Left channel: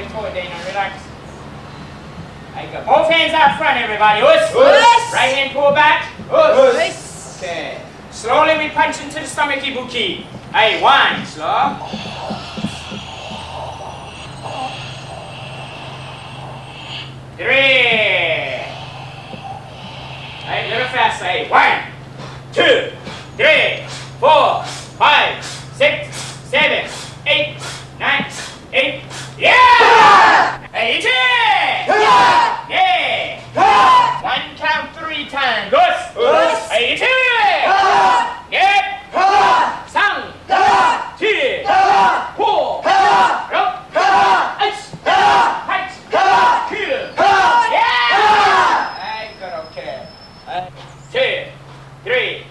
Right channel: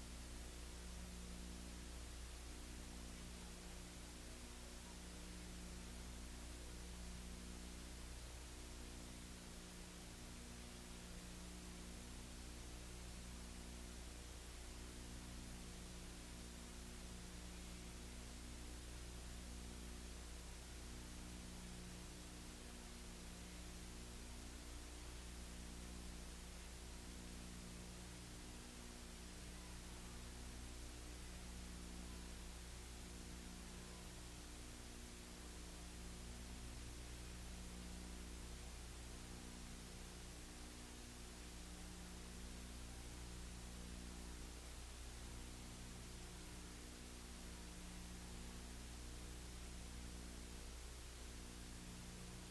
leg forward there, relax. There you go. Both hands out front, everybody. Us. Right hand pull back. Us. Okay. Slowly we punch into the stomach ibuki. Hey, one. Slow. 3. Hey, a little faster. Hey, 1, 2, 3, 4, 5, 6, 7, 8, 9, 8. Yeah! Hey, each yeah! Yeah! 1 count 3 times. Good. Hey, each yeah! 3, 4, 3,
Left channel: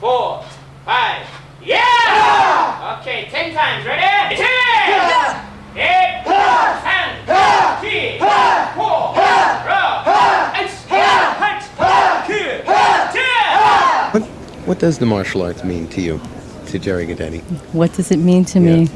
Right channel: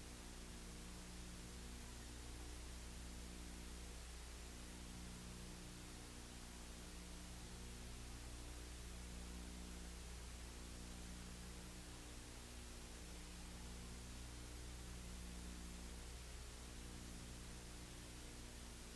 4, 5. Yeah! Okay, 10 times. Ready? 10, 8, 3, 4, 5. What does the martial arts mean to you, to Jerry Guidetti? What does it mean to me?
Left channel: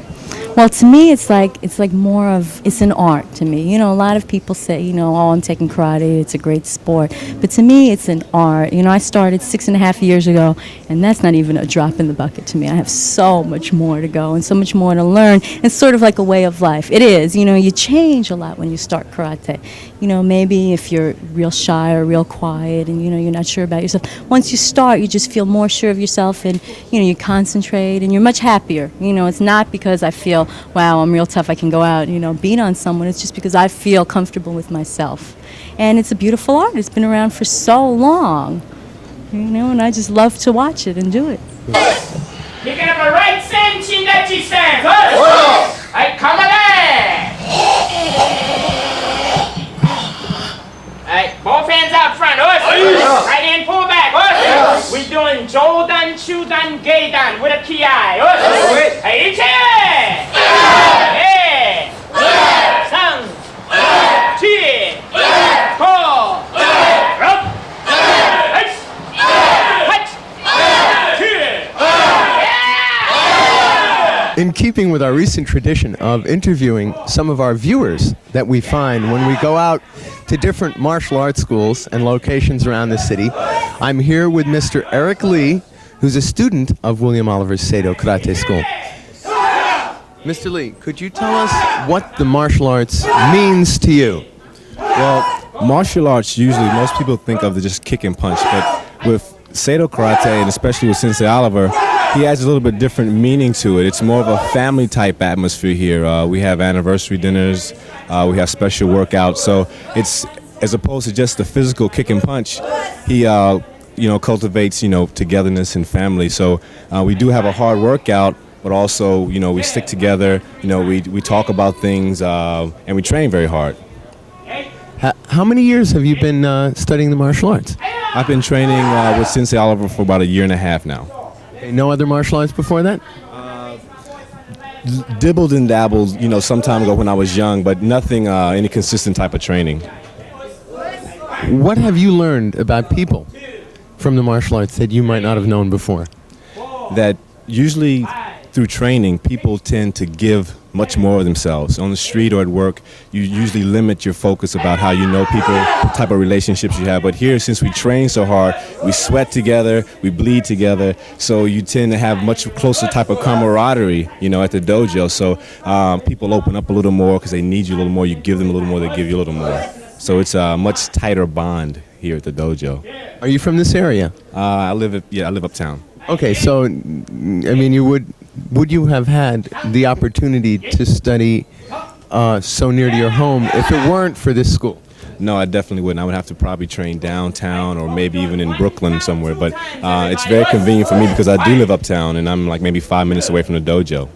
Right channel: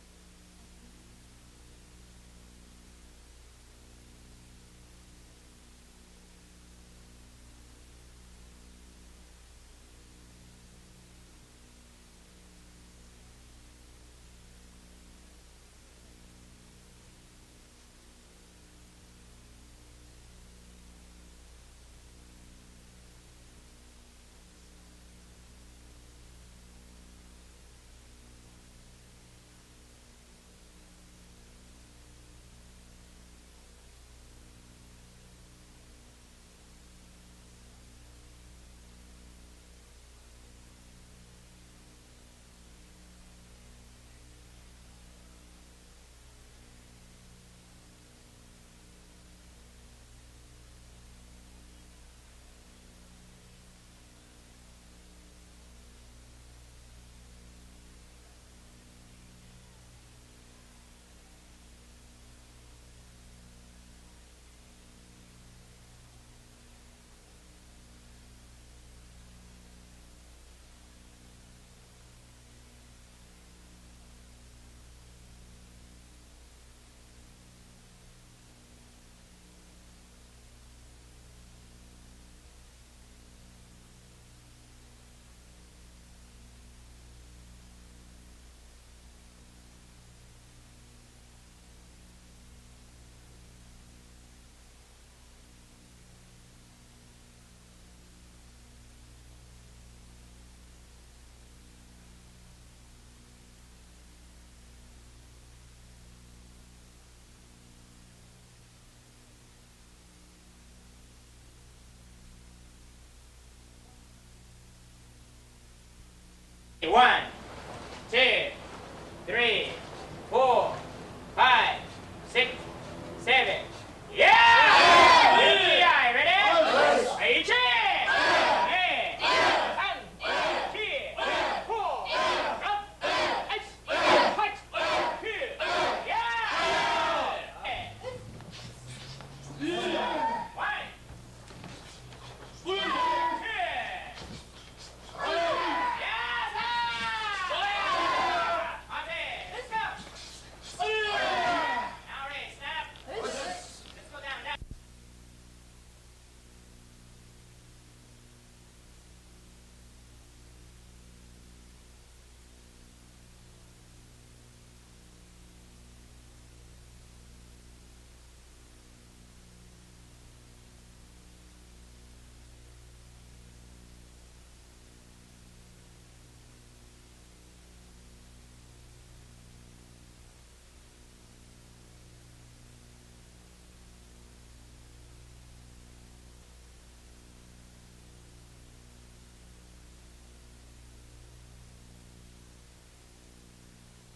Well, to me, it's like more of, it's an art to me. You know, a lot of people say, oh, I'm taking karate, it's a great sport. But to me, it's an art. I started 6.5 years ago, and that's not even a drop in the bucket to me. I have so much more to go and so much more to learn. It's sort of like a way of life. It is. You change a lot when you start karate. Maybe if you're real shy or real quiet and, you're not sure about yourself. Once you start, you just feel more sure of yourself and, you concentrate and you're much happier. It's not because I feel, wow, I'm real tough, I can go out, beat on someone. It's just because I feel comfortable with myself. And it's a beautiful art. It's been around for so long, and I just love to watch it and do it. Picking up a right sen, chindachi sen. Hey, come on in. Hey, both hands out front. Right hand pull back. We're doing Jodan, Chudan, Geidan with a ki. Hey, each hand. Hey. 3, 4. In keeping with our recent tradition of interviewing some of our viewers that we find when we go out to different martial arts schools and locations around the city, I'm here with Mr. Eric Lee, who's a student of William Oliver's Seido Karate School. Mr. Lee, could you tell us what the martial arts means to you? Well, martial arts, usually most people think of just kick and punch, but with Seido Karate, and especially with Sensei Oliver, he adds a little bit different meaning to it. It's more of a family type atmosphere here. We have anniversary dinners, we have special workouts, so it's, as opposed to just the physical kick and punch, he cultivates, togetherness and family. So we do have a hard workout, but also, we stick together, we talk about things, and we train very hard. How many years have you been studying the martial arts? I've been training with Sensei Oliver for about 1.5 years now. No other martial arts before that? Dibbled and dabbled, some time ago when I was young, but nothing, any consistent type of training. What have you learned about people from the martial arts that you might not have known before? That usually through training, people tend to give much more of themselves. On the street or at work, you usually limit your focus about how you know people, what type of relationships you have. But here, since we train so hard, we sweat together, we bleed together, so you tend to have much closer type of camaraderie, at the dojo. So people open up a little more because they need you a little more. You give them a little more, they give you a little more. So it's a much tighter bond here at the dojo. Are you from this area? I live uptown. Okay, so would you have had the opportunity to study so near to your home if it weren't for this school? No, I definitely wouldn't. I would have to probably train downtown or maybe even in Brooklyn somewhere. But it's very convenient for me because I do live uptown and I'm like maybe 5 minutes away from the dojo.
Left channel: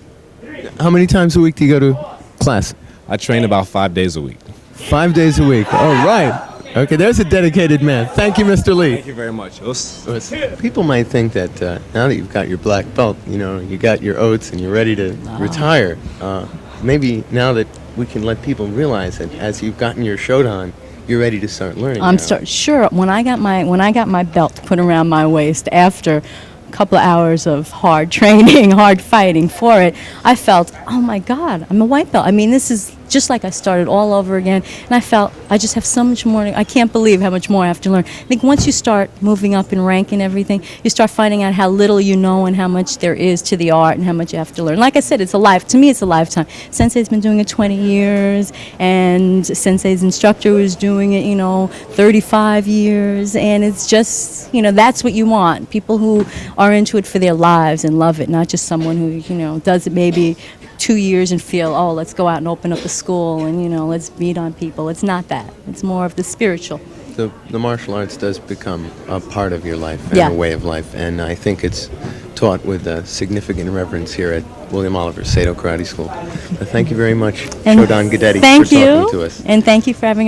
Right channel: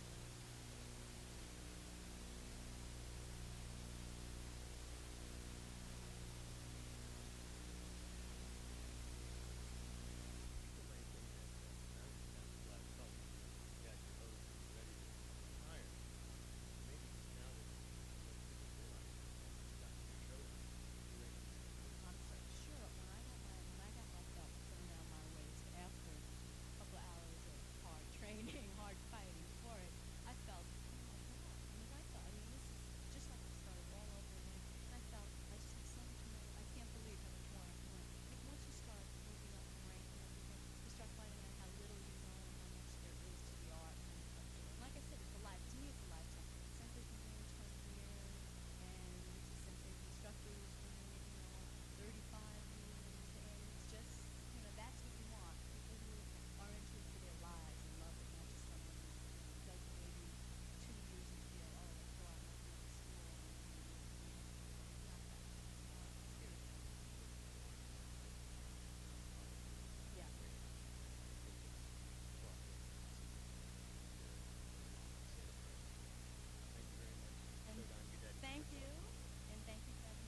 How many times a week do you go to class? I train about 5 days a week. 5 days a week. All right. Okay, there's a dedicated man. Thank you, Mr. Lee. Thank you very much. People might think that now that you've got your black belt, you got your oats and you're ready to retire. Maybe now that we can let people realize that as you've gotten your Shodan, you're ready to start learning. Sure. When I got my belt put around my waist after a couple of hours of hard training, hard fighting for it, I felt, oh my God, I'm a white belt. I mean, this is just like I started all over again. And I felt I just have so much more. I can't believe how much more I have to learn. I think once you start moving up in rank and everything, you start finding out how little you know and how much there is to the art and how much you have to learn. Like I said, to me it's a lifetime. Sensei's been doing it 20 years, and Sensei's instructor was doing it, 35 years, and it's just, that's what you want. People who are into it for their lives and love it, not just someone who, does it maybe 2 years and feel, oh, let's go out and open up a school and, let's meet on people. It's not that. It's more of the spiritual. The martial arts does become a part of your life and Yeah. a way of life, and I think it's taught with significant reverence here at William Oliver Seido Karate School. Thank you very much, And Shodan Guidetti, thank for talking you, to us. and thank you for having our